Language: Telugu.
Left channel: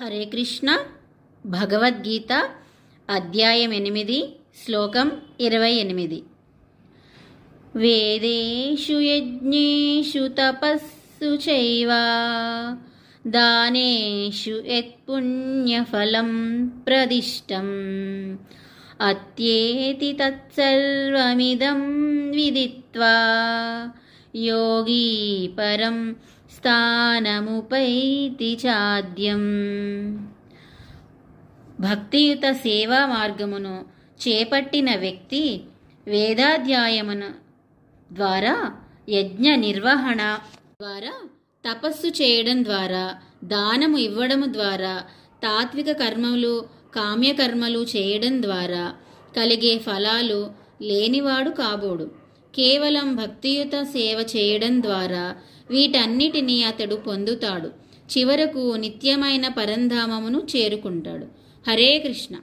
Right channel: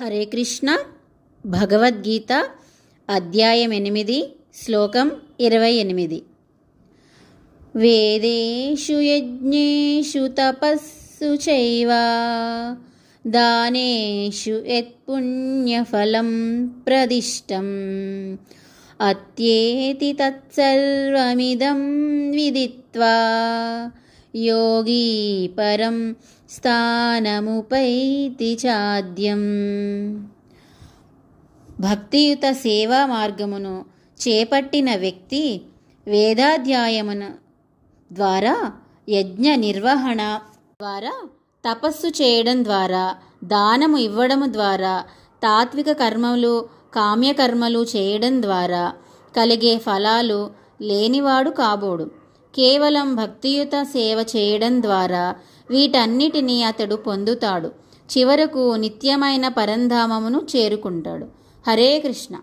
హరే కృష్ణ. భగవద్గీత అధ్యాయం 8 శ్లోకం 28. వేదేషు యజ్ఞేషు తపస్సు చైవ దానేషు యత్పుణ్యఫలం ప్రదిష్టం అత్యేతి తత్సర్వమిదం విదిత్వా యోగీ పరం స్థానముపైతి చాద్యం. భక్తియుత సేవా మార్గమును చేపట్టిన వ్యక్తి వేదాధ్యాయమును ద్వారా, యజ్ఞ నిర్వహణ ద్వారా, తపస్సు చేయడం ద్వారా, దానము ఇవ్వడం ద్వారా, తాత్విక కర్మలు కామ్యకర్మలు చేయడం ద్వారా కలిగే ఫలాలు లేనివాడు కాబోడు. కేవలం భక్తియుత సేవ చేయడం ద్వారా వీటన్నిటినీ అతడు పొందుతాడు. చివరకు నిత్యమైన పరంధామమును చేరుకుంటాడు. హరే కృష్ణ.